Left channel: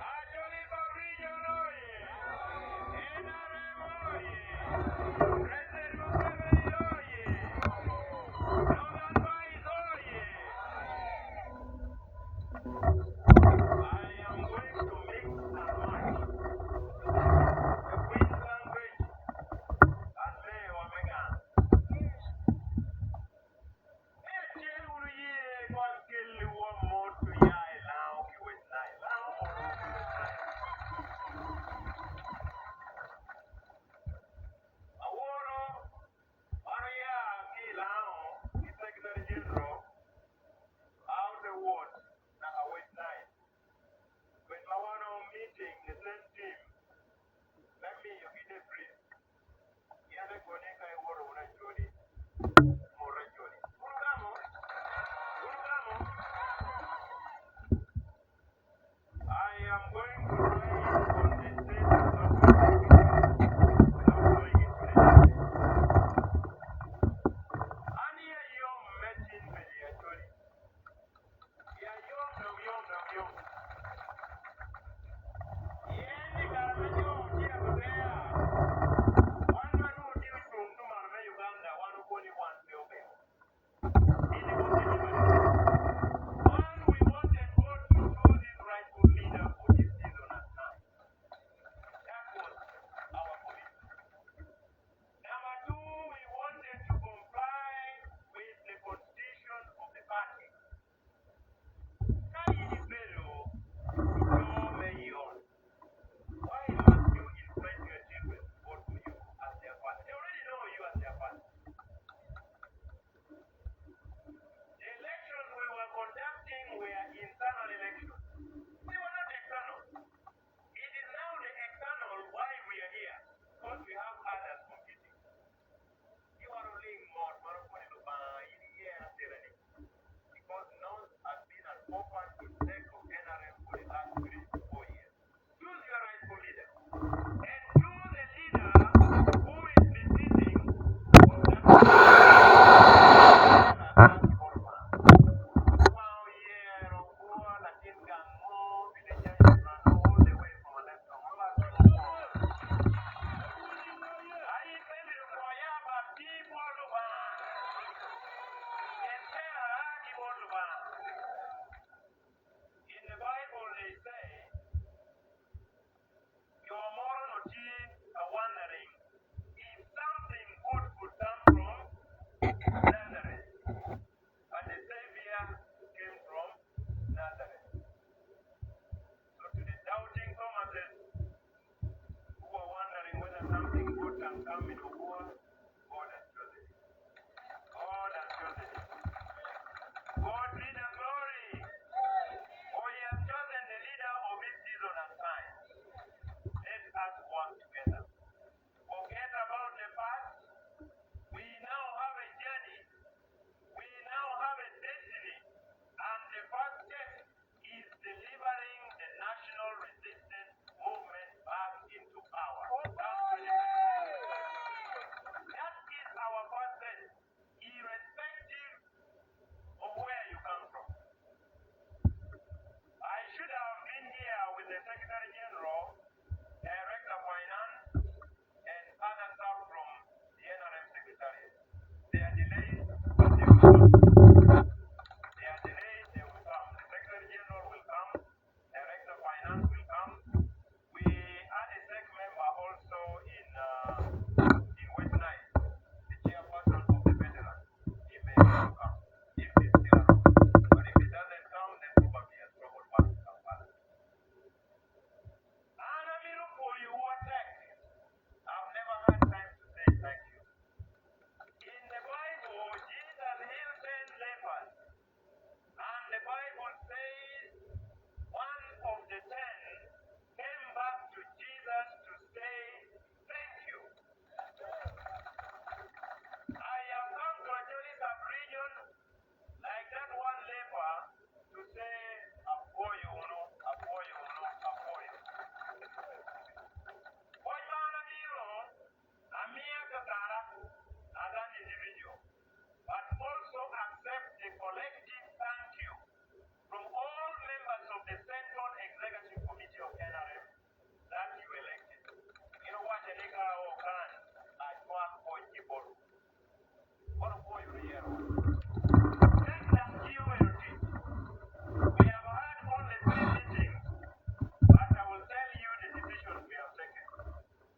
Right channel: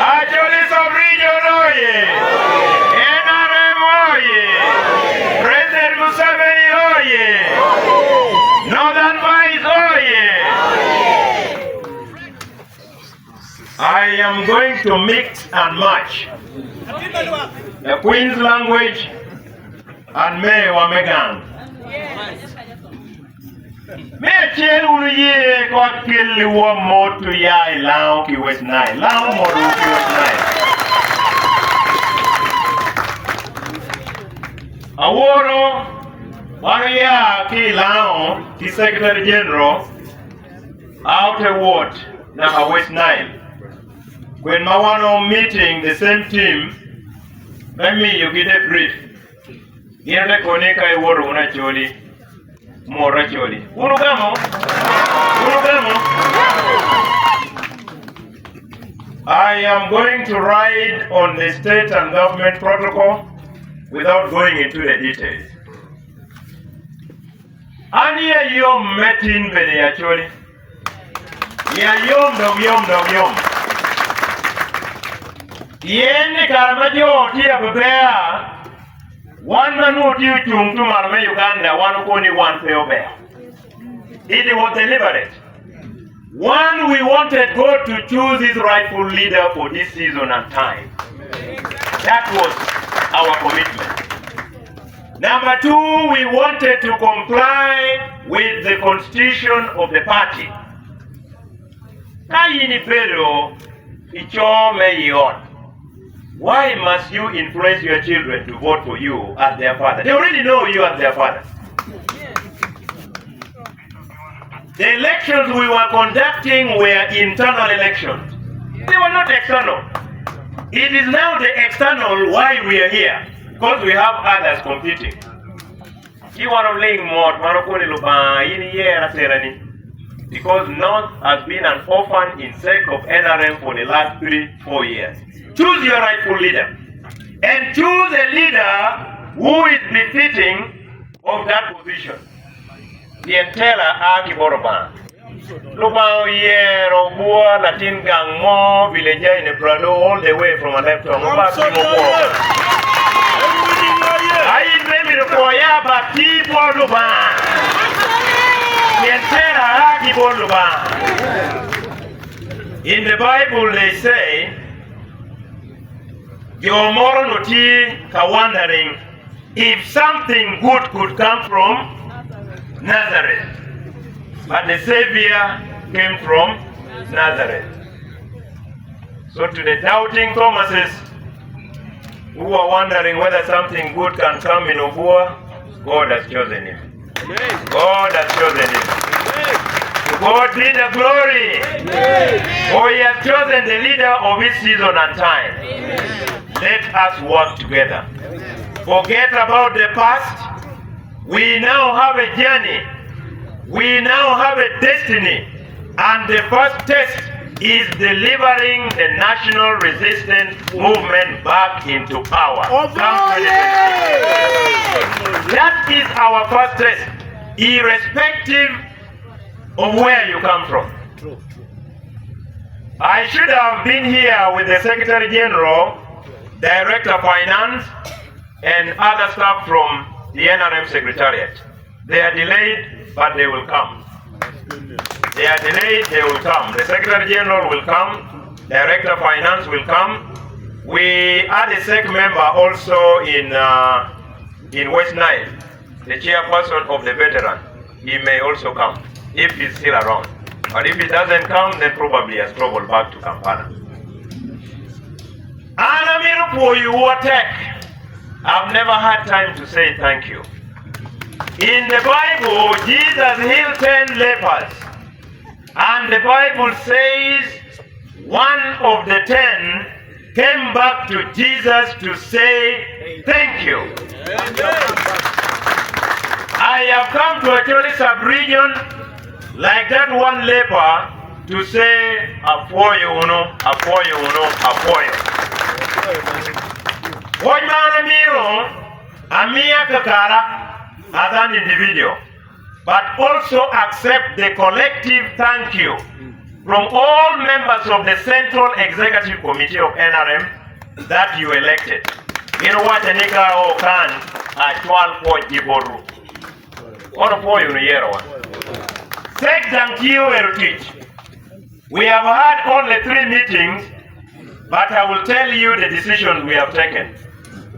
Acholi sub-region oye! NRM oye! President Museveni oye! Northern Vice oye! I am going to mix and match the Queen's language and May Wamegang. Me chen uye kwa kili wa motu ya ilao ki West Nile. Lao moru ki West Nile. Aworo wano ya ki ilao ki Secretary General out award na West Nile. When Mawano meeting the same team, let me you get a brief. Yende koneka iworo una Acholi. More Acholi. Urugamo. I am going to ride on the state and government protocol without going into the details. Ania yom metin bede Acholi. Ya yom dom. Yende karamajo tia bebea. One man who due to Marme Uganda, one only one fair. It was deliberate. One, we wanted God to choose his rightful leader for this season and time. That was our commitment. Number two, we wanted to comply with the constitution of the party. Why must you influence your children to vote for you as their father? They already know you as their father. The elections we were conducting were internal elections. They were not external. It is now the external why we are here, because we have others competing. Because North has been an orphan in sake of NRM for the last 3-4 years. Choose your rightful leader. And choose a leader who is befitting of that position. Yentela Aki Boroban. Lubao Yero Bua Latin Gangmo, villager in the Prado, all the way from a left to Hamson Obua. I remember the Koyaba people Luban. Yentela Aki Boroban. In the Bible they say, your moral wondering if something good could come from Nazareth. But the Savior came from Nazareth. So to the doubting Thomases who are wondering whether something good can come in Obua, God has chosen him. God has chosen him. To God be the glory. For he has chosen the leader of his season and time. Let us work together. Forget about the past. We now have a journey. We now have a destiny. And the first test is delivering the national resistance movement back into power. That is our first test, irrespective of where you come from. I should have been here with the Secretary General, Director of Finance, and other staff from the NRM Secretariat. They are delayed, but they will come. They are delayed, they will come. The Secretary General will come, Director of Finance will come. We are the SEC member also in West Nile, the chairperson of the veteran. He may also come, if he's still around. But if he doesn't come, then probably he has traveled back to Kampala. I've never had time to say thank you. In the Bible, Jesus healed 10 lepers. And the Bible says one of the 10 came back to Jesus to say thank you. I have come to Acholi sub-region like that one leper to say apoyo uno, apoyo uno, apoyo. Wajmana miro amia kakara as an individual, but also accept the collective thank you from all members of the Central Executive Committee of NRM that you elected. You know what Anika Okan at 12.4. What for you year one? Thank you, Erutich. We have had only 3 meetings, but I will tell you the decisions we have taken.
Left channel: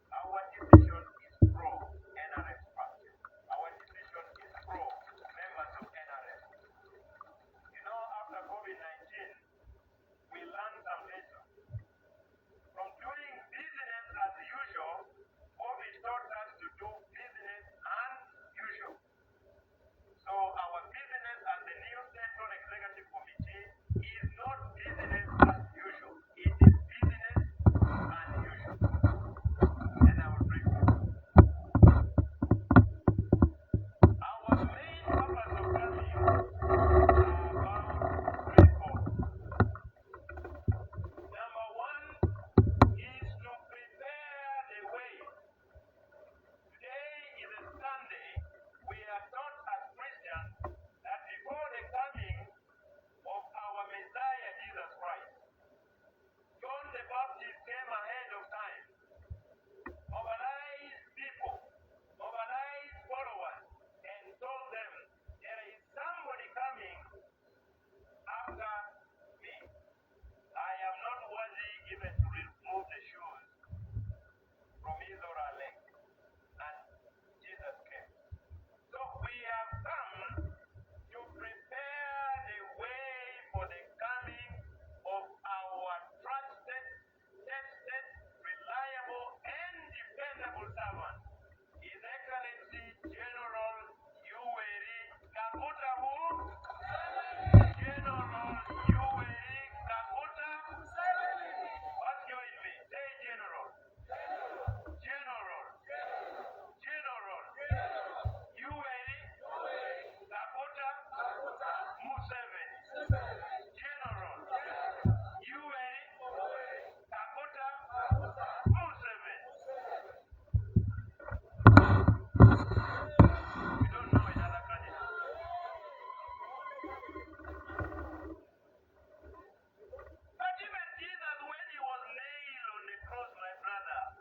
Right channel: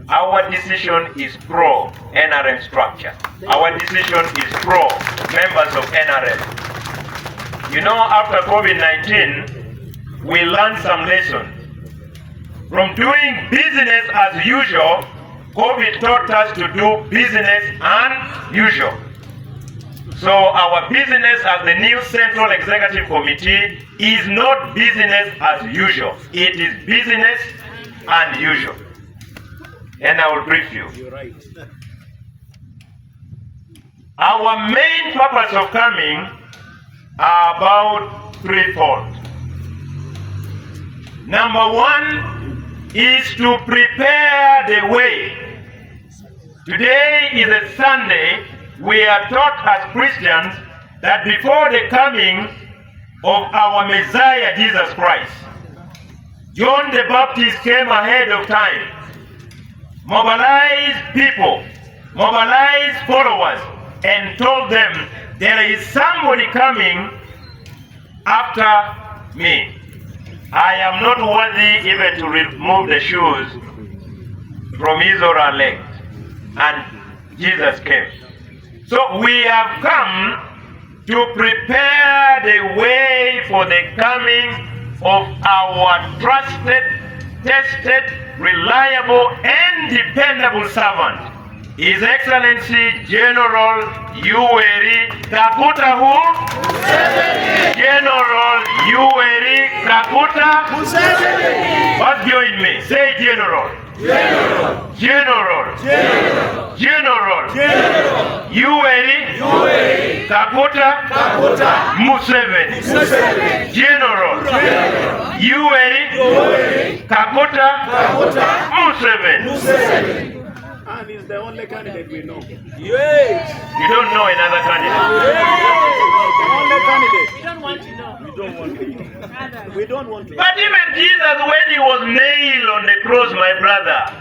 Our decision is pro NRM structure. Our decision is pro members of NRM. You know, after COVID-19, we learned some lessons. From doing business as usual, COVID taught us to do business unusual. So our business as the new Central Executive Committee is not business as usual. It is business unusual. And I will brief you. Our main purpose of coming are about threefold. Number 1 is to prepare the way. Today is a Sunday. We are taught as Christians that before the coming of our Messiah Jesus Christ, John the Baptist came ahead of time, mobilized people, mobilized followers, and told them, there is somebody coming after me. I am not worthy even to remove the shoes from his or her legs. And Jesus came. So we have come to prepare the way for the coming of our trusted, tested, reliable, and dependable servant, His Excellency General Ogeri Kaguta who? General Ogeri Kaguta. What's join me? Say General. General. General. General. General. General. Ogeri Kaguta. Museveni. General. Ogeri Kaguta. Museveni. And he's the only candidate we know. Yes. You don't know another candidate. The only candidate. We don't want to know. We don't want to. But even Jesus, when he was nailed on the cross, my brother,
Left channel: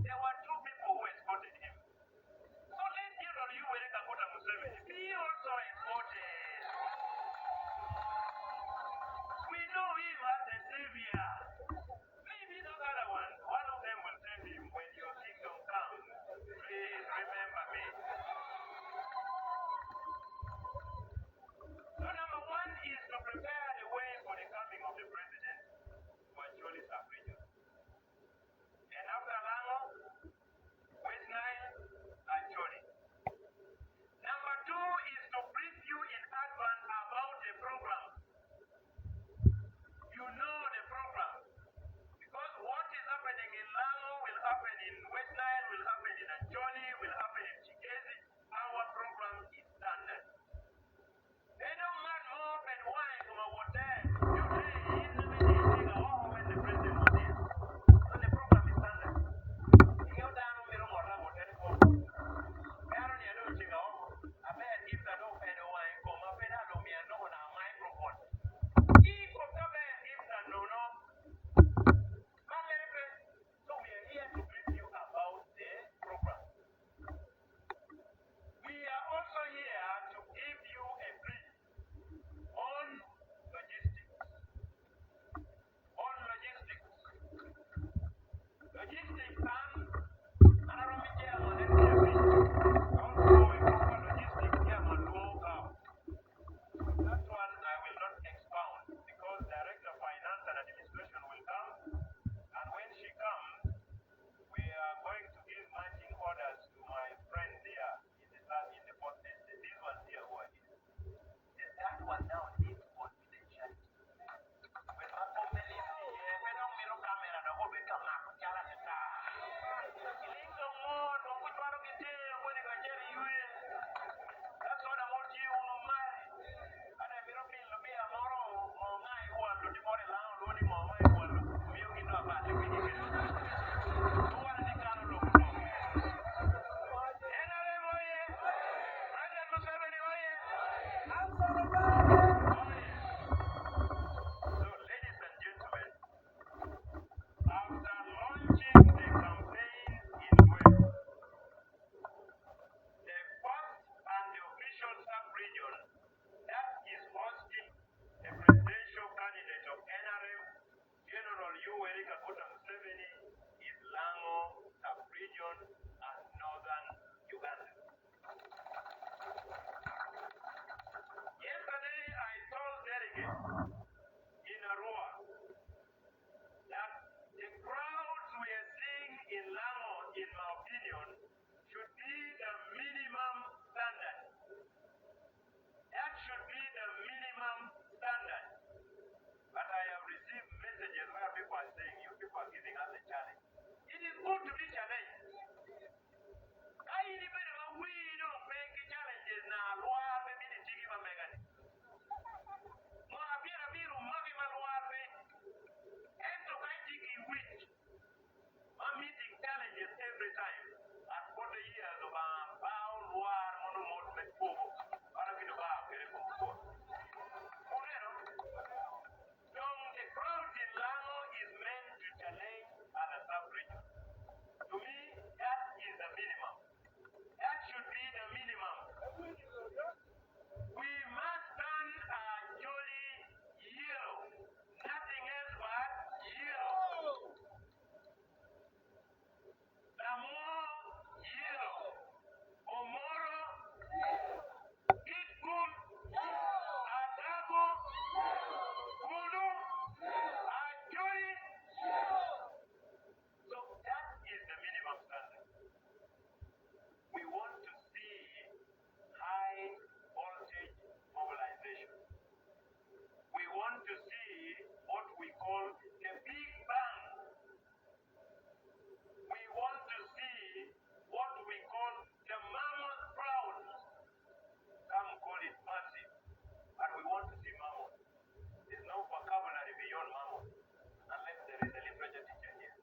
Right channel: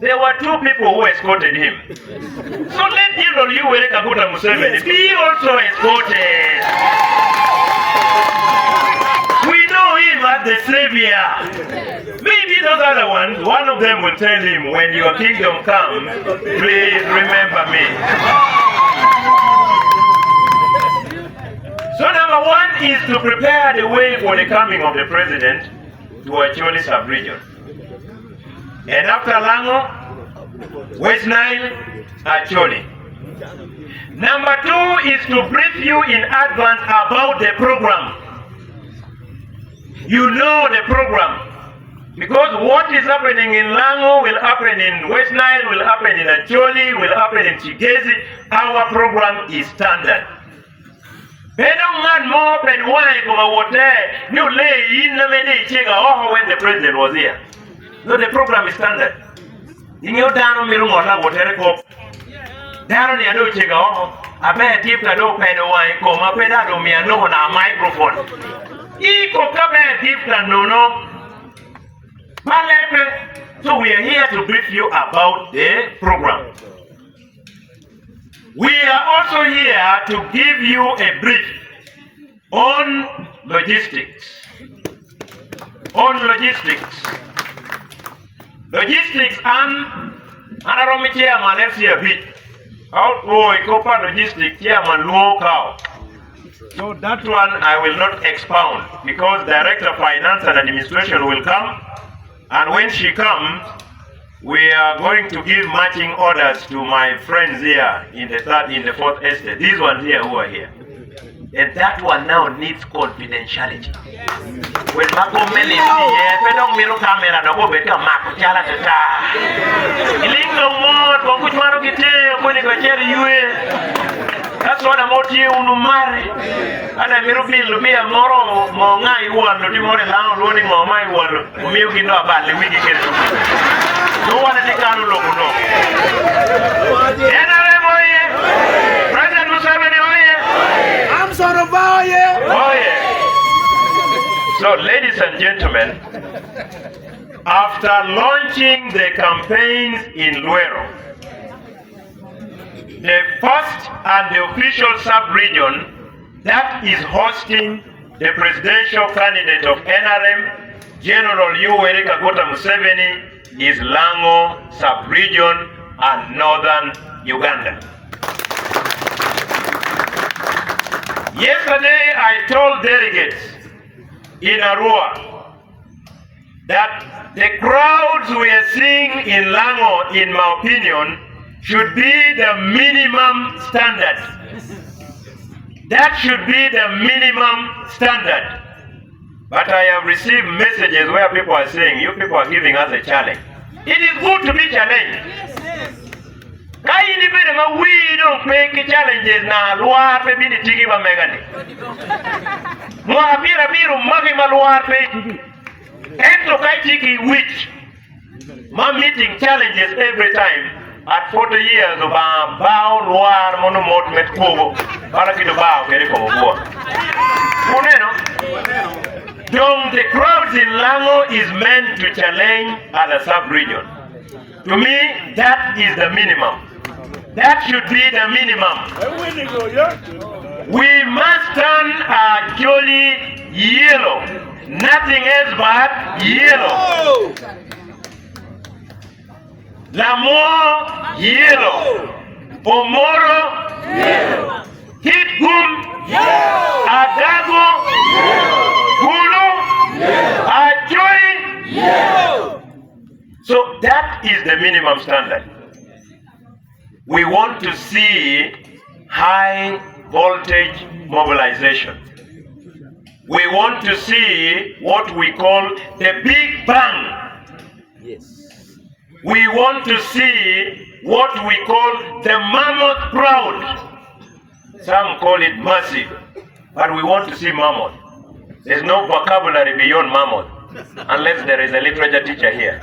there were 2 people who escorted him. So let General Ogeri Kaguta Museveni be also escorted. We know him as the Savior. Maybe those other ones, one of them will tell him, when your kingdom comes, please remember me. So number 1 is to prepare the way for the coming of the president to Acholi sub-region. And after Lango, West Nile, Acholi. Number 2 is to brief you in advance about the program. You know the program. Because what is happening in Lango will happen in West Nile, will happen in Acholi, will happen in Chigezi. Our program is standard. When the president was here. So the program is standard. In your down Mirumona, whatever cop. Down the other chigo, I bet if I don't pay the wine, come up and I don't mean no on a microphone. Eco come and give the no. So we are here to brief you about the program. We are also here to give you a brief on logistics. On logistics. Logistics and Anaromi chairman FCFP. Outgoing Copa Logistics chairman local. So that one I will not expound because Director of Finance and Administration will come. And when she comes, we are going to give matching orders to my friends here in the 4th estate. These ones here who are here. And that one now needs confidentiality. When Makomeli is here, Pedong Miro camera, no go better Mark Chala Tata. Ilingo more, Konguchmano Kite, Konikacheri Yue. That's what I'm out here on marry. And I will be a moro, Mongai one, the more long running on my one, milking about the weekend. No one at the Kano logo. President Museveni, Hamson Obua, So, ladies and gentlemen, after launching the campaigns in Luero, the first and the official sub-region that is hosting the presidential candidate of NRM, General Yoweri Kaguta Museveni, is Lango sub-region and northern Uganda. Yesterday, I told delegates in Arua that the crowds we are seeing in Lango, in my opinion, should be the minimum standard. That should be the minimum standard. But I have received messages where people are saying, you people are giving us a challenge. It is good to be challenged. We don't make challenges na luar pe bini tiki ba megani. Mwapira biru magi maluar pe tiki. Ento kai tiki which ma meeting challenges every time. At 40 years of bao luar monomot met kogo. Para kido bao keri kogo bo. Kuneno. The crowds in Lango is meant to challenge other sub-region. To me, that is the minimum. That should be the minimum. We must turn Acholi yellow. Nothing else but yellow. Lamo yellow. Omoro yellow. Hitgum yellow. Adago yellow. Hulu yellow. Acholi yellow. So that is the minimum standard. We want to see high voltage mobilization. We want to see what we call the big bang. Yes. We want to see what we call the mammoth crowd. Some call it massive, but we want to see mammoth. There's no vocabulary beyond mammoth, unless there is a literature teacher here.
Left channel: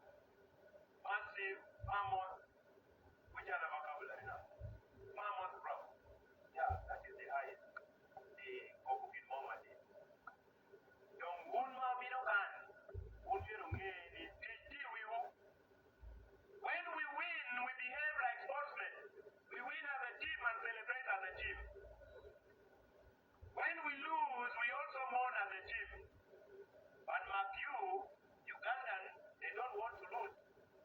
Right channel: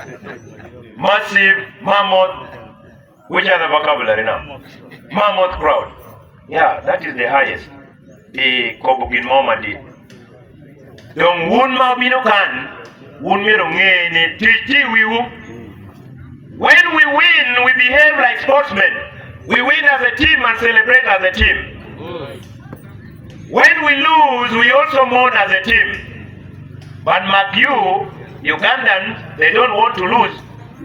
Massive, mammoth. Which are the vocabulary now? Mammoth crowd. Yeah, that is the highest. The Kobugin Moma did. Don't wound Mabino can, wound me ni titi wiwu. When we win, we behave like sportsmen. We win as a team and celebrate as a team. When we lose, we also mourn as a team. But Magyu, Ugandans, they don't want to lose.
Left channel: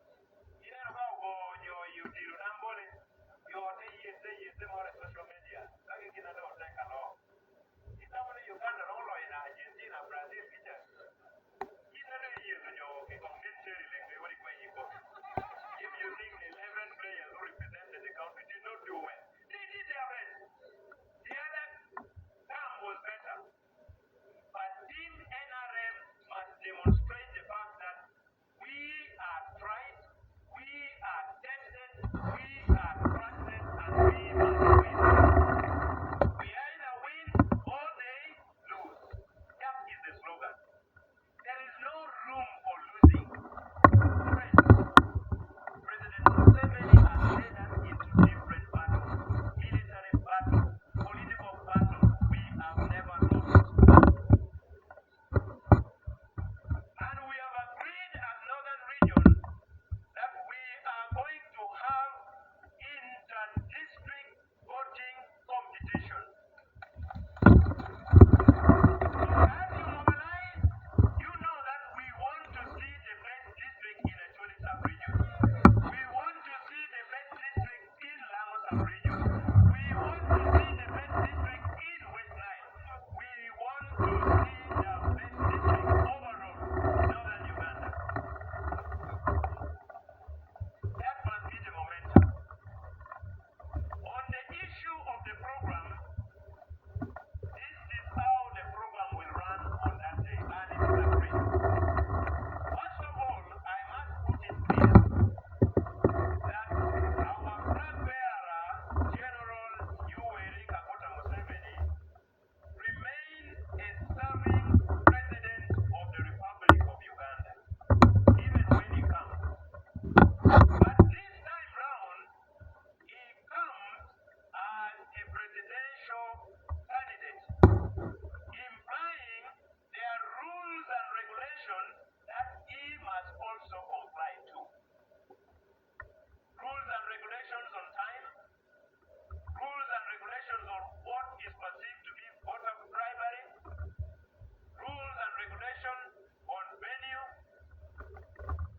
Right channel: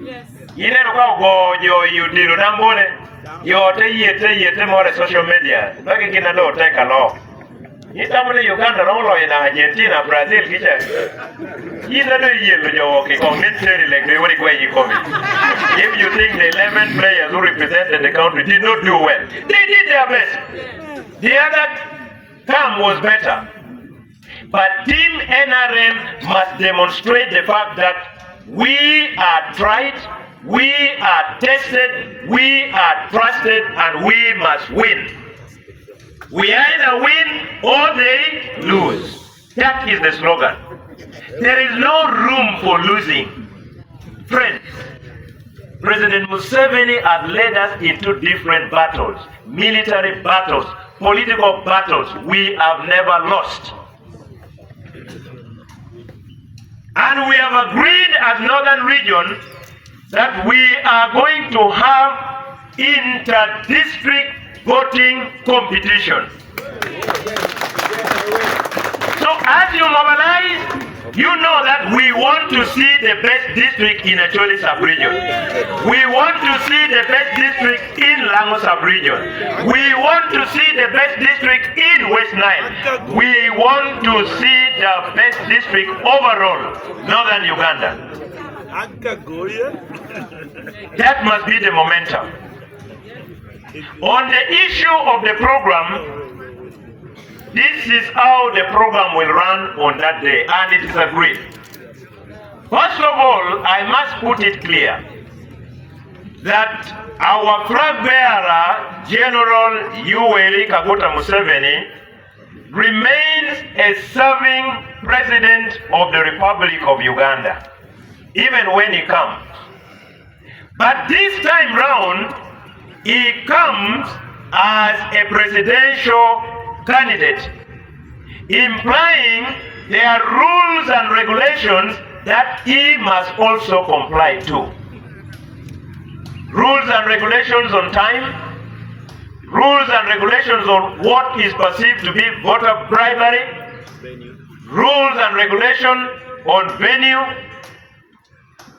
Yes. You never go, you did Rambole, you more social media. Back in Canada, take a law. You tell me Uganda, all in Argentina, Brazil, you know, you're commentary like the way you come in. If you think the 11 players who represented the country did not do well, they did their best. The other term was better. But Team NRM must demonstrate the fact that we are tried, we are tested, we are trusted, and we must win. We either win or they lose. That is the slogan. There is no room for losing. Friends, President Museveni has led us into different battles, military battles, political battles we have never lost. And we have agreed as Northern Region that we are going to have inter-district voting competition. So as you mobilize, you know that we want to see the best district in Acholi sub-region. We want to see the best district in Lango sub-region. We want to see the best district in West Nile. We want to see the best district overall, Northern Uganda. That must be the momentum. On the issue of the program, this is how the program will run on that day, and it is agreed. First of all, I must put it clear that our flag bearer, General Yoweri Kaguta Museveni, remains a serving president of the Republic of Uganda, even when he comes. But this time round, he comes as a presidential candidate, implying there are rules and regulations that he must also comply to. Rules and regulations on time, rules and regulations on what is perceived to be voter bribery, rules and regulations on venue,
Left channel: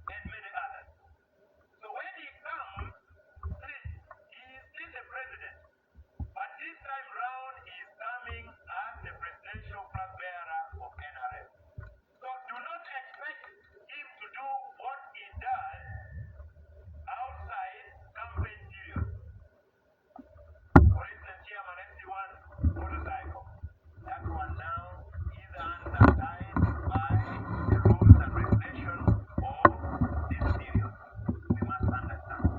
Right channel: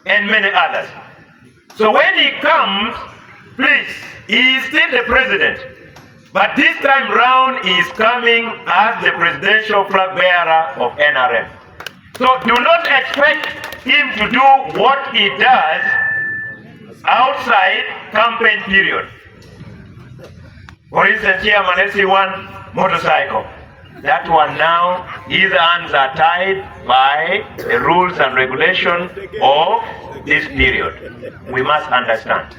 and many others. So when he comes, please, he is still the president, but this time round he is coming as the presidential flag bearer of NRM. So do not expect him to do what he does outside campaign period. For instance, here one motorcycle. That one now, his hands are tied by the rules and regulations of this period. We must understand.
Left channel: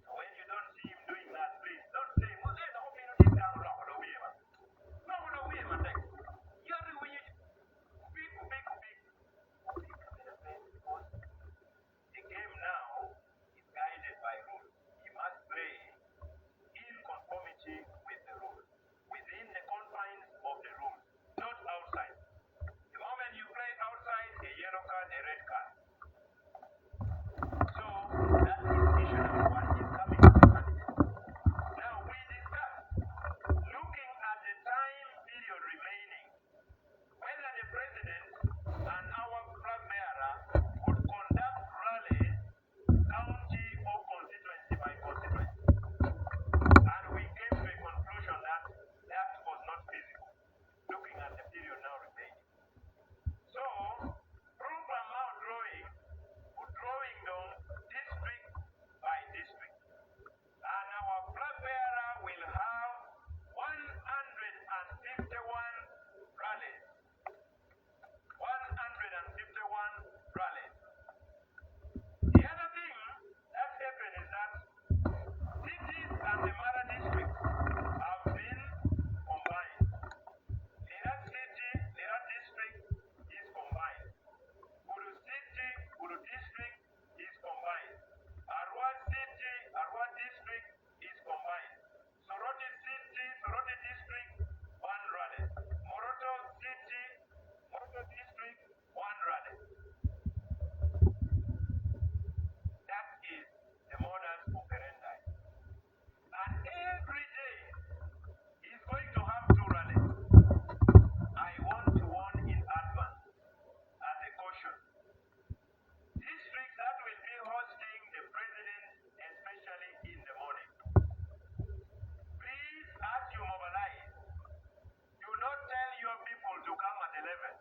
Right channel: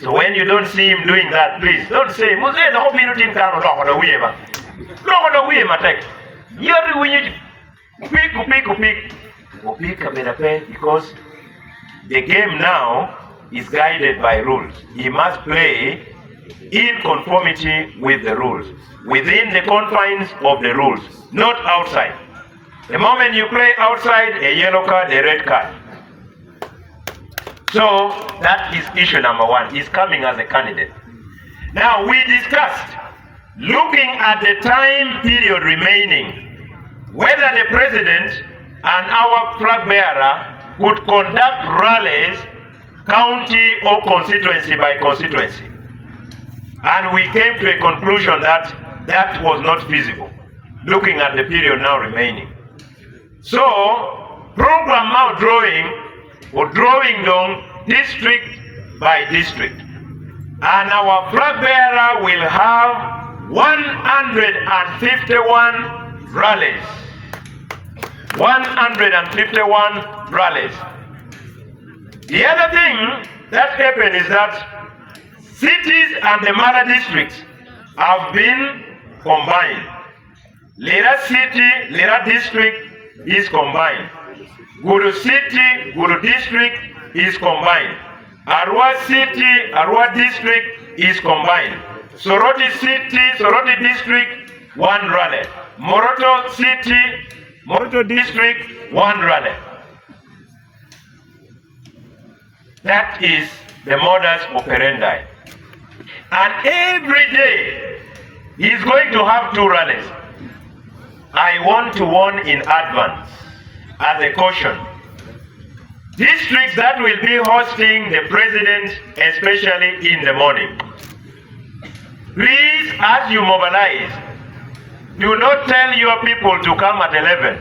So when you don't see him doing that, please don't say, "Muzee, the whole minute in town, no, because the game now is guided by rules. He must play in conformity with the rules, within the confines of the rules, not outside. The moment you play outside, a yellow card, a red card. So that is issue number one. He's coming as a candidate. Now we discussed, looking at the time period remaining, whether the president and our flag bearer could conduct rallies county or constituency by constituency. And we came to a conclusion that that was not feasible, looking at the period now remaining. So, program now drawing down district by district. And our flag bearer will have 151 rallies. 151 rallies. The other thing that happened is that cities and the Mara districts have been combined. Lira city, Lira district is combined. Guru city, Guru district is combined. Arua city, Arua district is combined. Soroti city, Soroti district, one rally. Moroto city, Moroto district, one rally. That is the modus operandi. And every day, he's going to have two rallies. I want to warn in advance, as a caution. Districts that will be hosting the president, especially in the morning. Please, as you mobilize, do not tell your people to come at 11.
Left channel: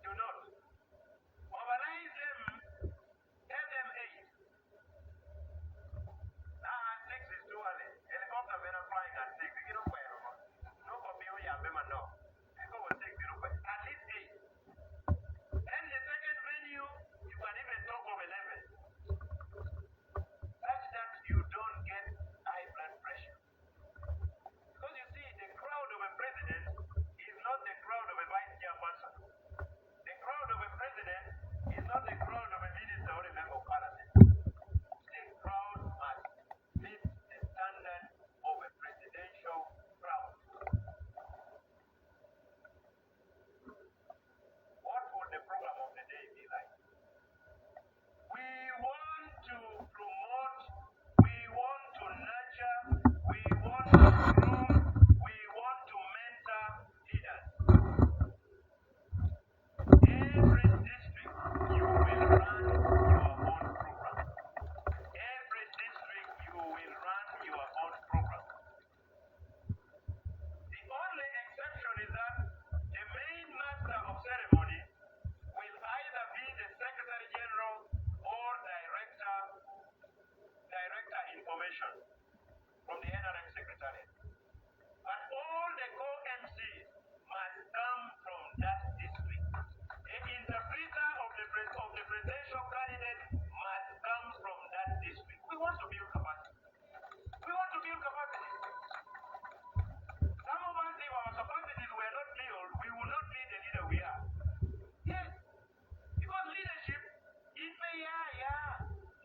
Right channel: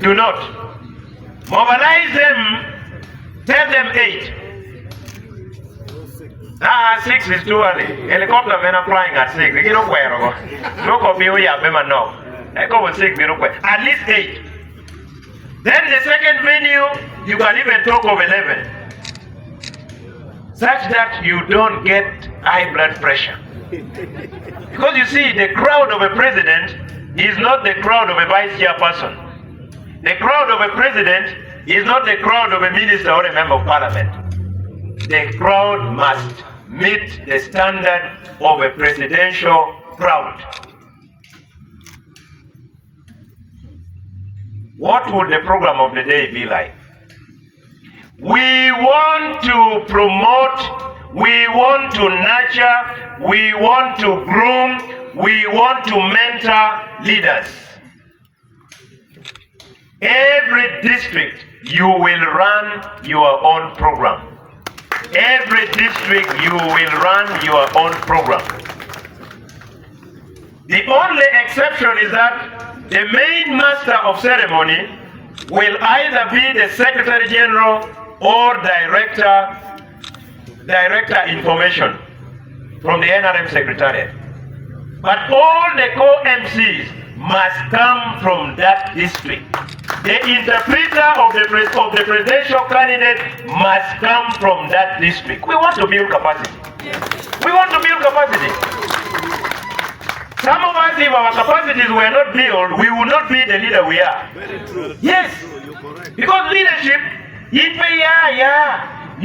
Do not. Mobilize them, tell them 8. 6 is too early. Helicopter men are flying at 6. You know where? No copy, we have them no. I go with 6, at least 8. Then the second venue, you can even talk of 11. Such that you don't get high blood pressure. Because you see, the crowd of a president is not the crowd of a vice chairperson. The crowd of a president is not the crowd of a minister or a member of parliament. The crowd must meet the standard of a presidential crowd. What would the program of the day be like? We want to promote, we want to nurture, we want to groom, we want to mentor leaders. Every district, you will run your own program. Every district, you will run your own program. The only exception is that the main master of ceremony will either be the Secretary General or Director Information from the NRM Secretariat. But all the co-MCs must come from that district. The interpreter of the presidential candidate must come from that district. We want to build capacity. We want to build capacity. Some of us, if our capacities were not built, we would not be the leader we are. Yes. Because leadership, you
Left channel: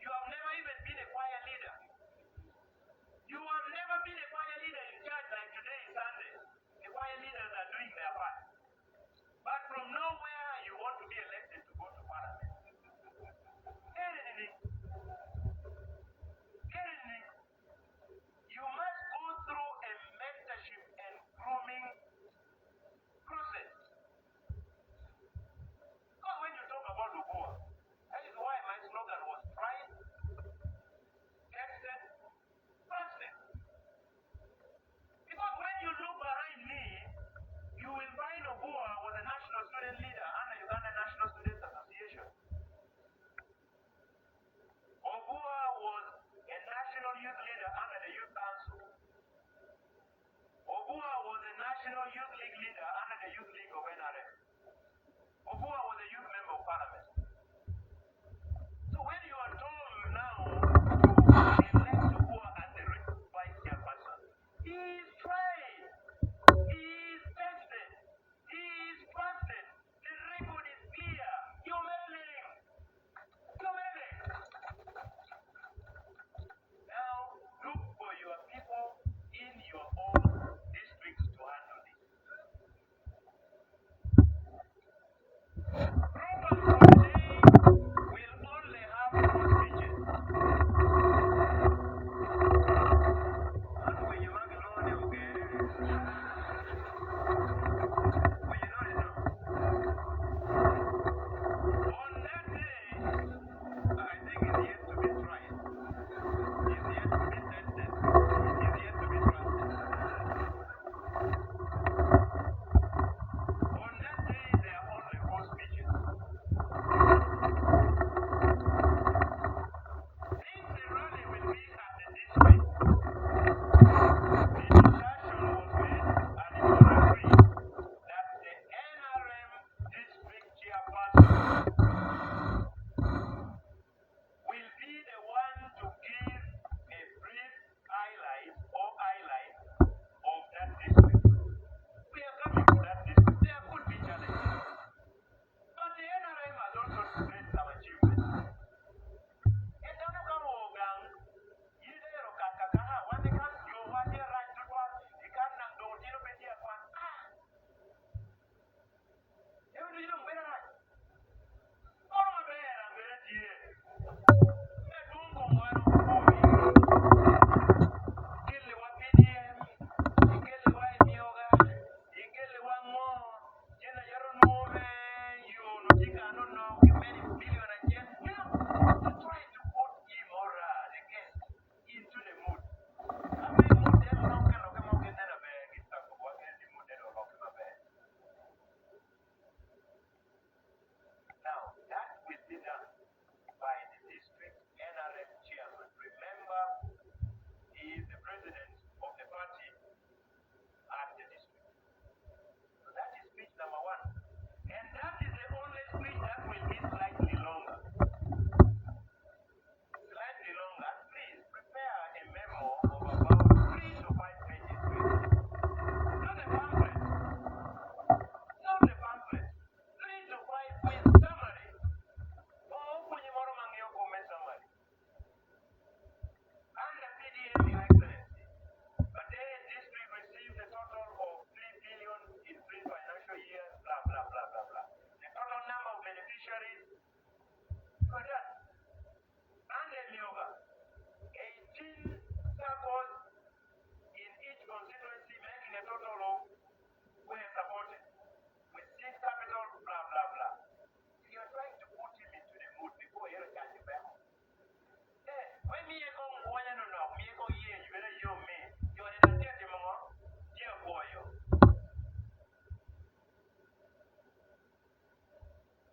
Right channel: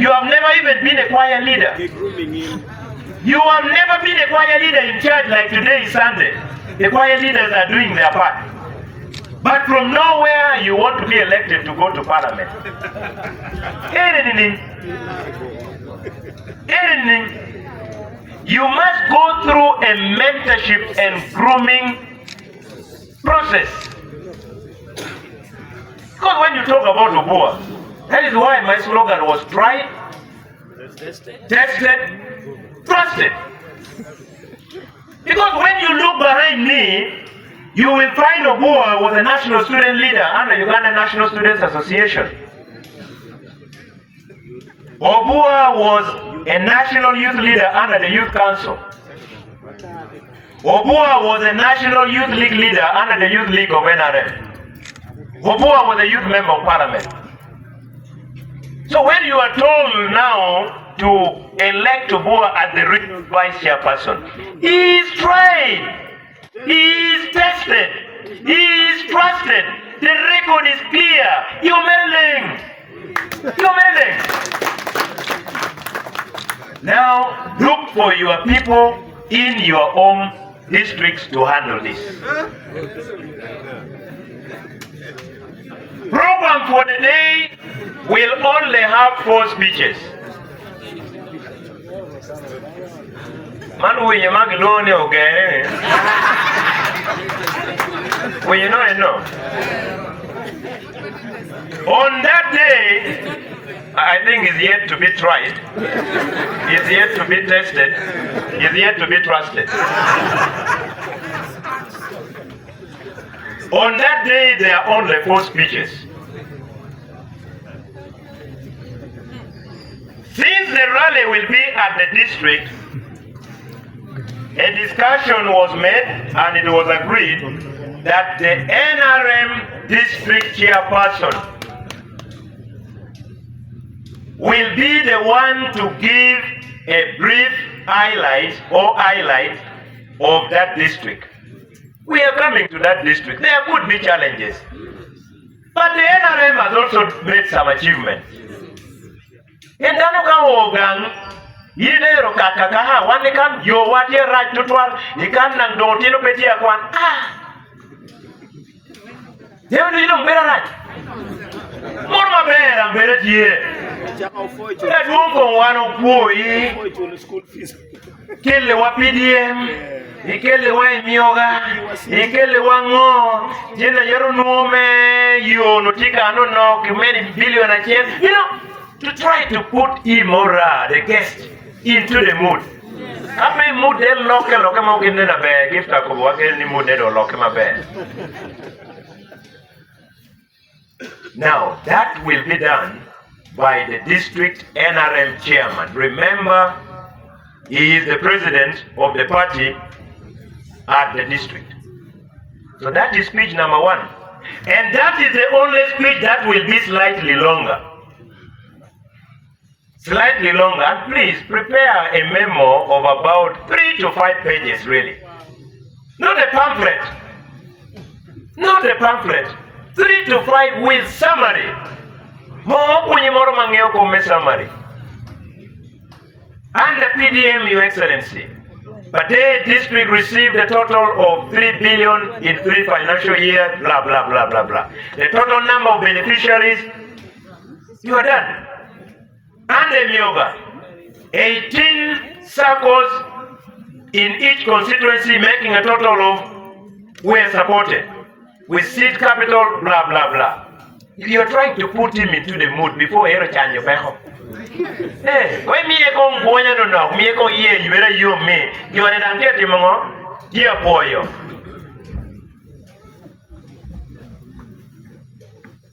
have never even been a choir leader. You have never been a choir leader in church like today is Sunday. The choir leaders are doing their part. But from nowhere, you want to be elected to go to parliament. Anything. You must go through a mentorship and grooming process. Because when you talk about Obua, that is why my slogan was tried, tested, trusted. Because when you look behind me, you will find Obua was a national student leader under Uganda National Students Association. Obua was a national youth leader under the Youth Council. Obua was a national youth league leader under the Youth League of NRM. Obua was a youth member of parliament. So when you are told now to elect Obua as the regional vice chairperson, he is tried, he is tested, he is trusted. The record is clear. You're meddling. Now look for your people in your own districts to handle this. Program for the day will only have 4 speeches. Man, we are going to Ogeri. Well, you know, I know. On that day, I think is yet to be tried, is yet to be tested, is yet to be trusted. On that day, there are only 4 speeches. Since the rally will be at the district, a discussion was made and it was agreed that the NRM district chairperson will be the one to give a brief highlight of that district. We are coming to that district. There could be challenges. But the NRM has also made some achievements. In Danuka Yidero Kakakaha, one can yo what year right to 12, you can nang do tino petia kwan. You don't better right. More my bed and better year. That won't go one of boy. Kill the WPDM, he kill the wine yoga, he kill the one more. Jenna Yeronome, you no tika no no, many billion a chance. You know, to try to put him or the guest into the mood. Happy mood, they'll lock him out in the bed. If I could work any mood, they'll lock him a bed. Now, that will be done by the district NRM chairman. Remember, he is the president of the party at the district. So that is speech number 1. And that is the only speech that will be slightly longer. Slightly longer. And please prepare a memo of about 3 to 5 pages, really. Not a pamphlet. Not a pamphlet. 3 to 5 with summary. Summary. And the PDM, Your Excellency. But the district received a total of 3 billion in 3 financial years, blah, blah, blah, blah, blah. The total number of beneficiaries, you are done. And the Myoga, 18 circles in each constituency, making a total of, were supported. With seed capital, blah, blah, blah. You are trying to put him into the mood before he change your back. Hey, when me go boya no no, me go ye, you better you me. You are not getting more. Dear boy,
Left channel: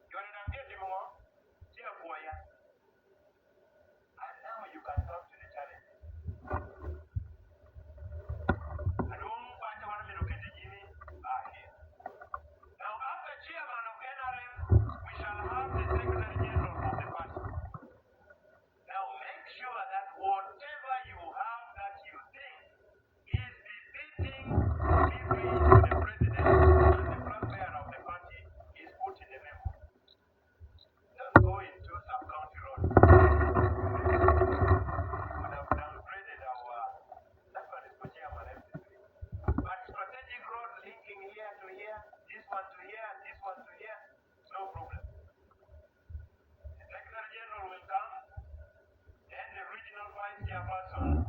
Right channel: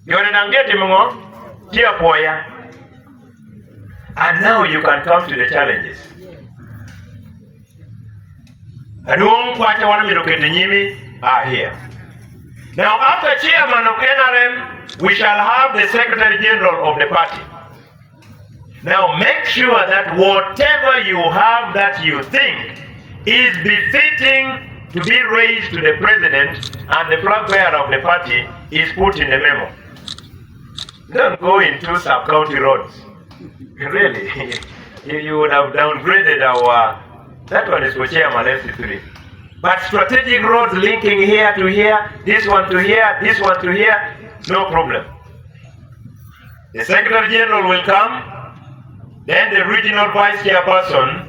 you are not getting more. Dear boy, and now you can come to the challenges. I don't quite want me to look at the Nimi are here. Now, after chairman of NRM, we shall have the Secretary General of the party. Now, make sure that whatever you have that you think is befitting to be raised to the president and the flag bearer of the party is put in the memo. Don't go into sub-county roads. Really, you would have downgraded our, that one is for chairman FC3. But strategic roads linking here to here, this one to here, this one to here, no problem. The Secretary General will come, then the regional vice chairperson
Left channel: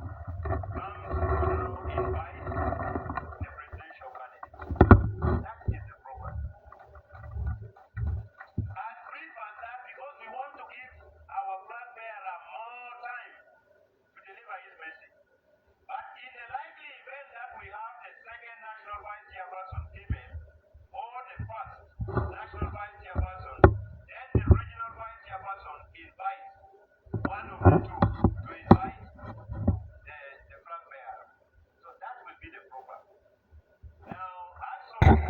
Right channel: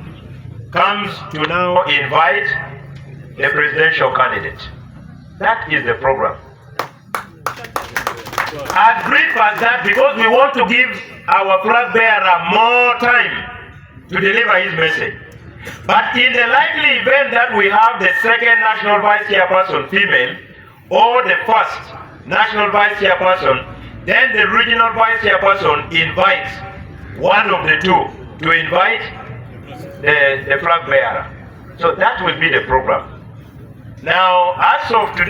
comes to now invite the presidential candidate. That is the program. As brief as that, because we want to give our flag bearer more time to deliver his message. But in the likely event that we have the second national vice chairperson female, or the first national vice chairperson, then the regional vice chairperson invites one of the two to invite the flag bearer. So that will be the program. Now, as of today,